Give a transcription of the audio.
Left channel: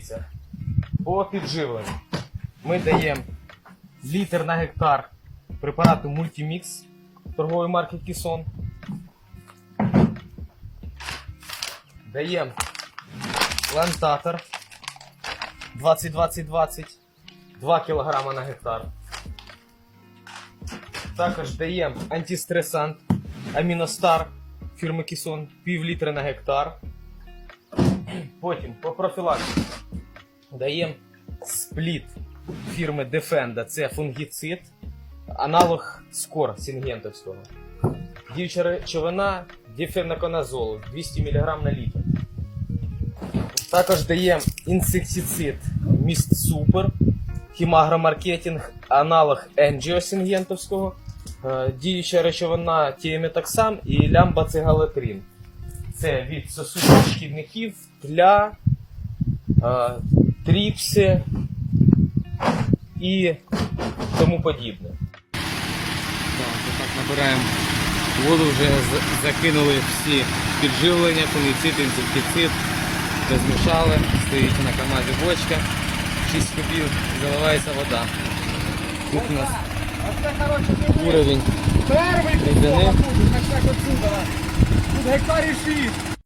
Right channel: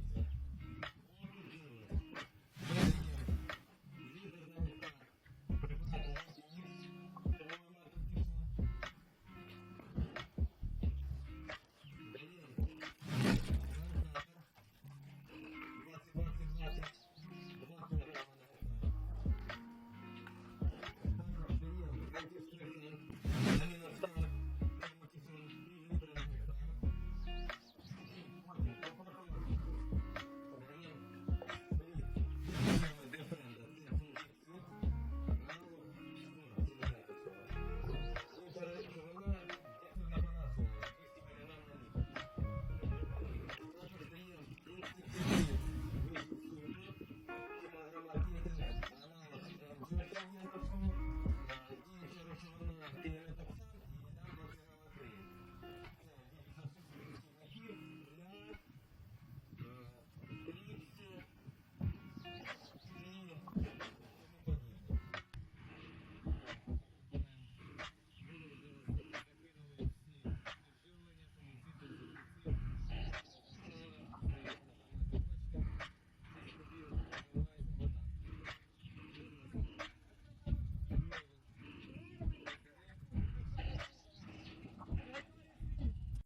Дивіться, по підживленню ми даємо літр на гектар препарату Multimix торгової марки Кісон. Даємо плантатор 20-20-20, 2 кг на гектар. Також даємо антистресант Аміностар фірми Кісон пів літра на гектар. Потім по профілактиці даємо спліт фірми Defenda. Це фунгіцид, аналог скор сінгентовського. Діюча речовина діфенаконазол 200 мг на літр. Також даємо інсектицид Міст Супер, хімагромаркетинг, аналог енджіосінгентовського, е, діюча речовина тіметоксам і лямбацегалетрин. Це від сосудних шкідників для е, тріпси і тому подібне. Так, отак набираємо воду, вже закинули всі підживлення, фунгіцид, інсектицид, розмішали, стоїть на камазі бочка, 6 кубів, заливається вода. Тут у нас уровень Перший Рідини. кусок, так отсюда. Тут гектарів 6.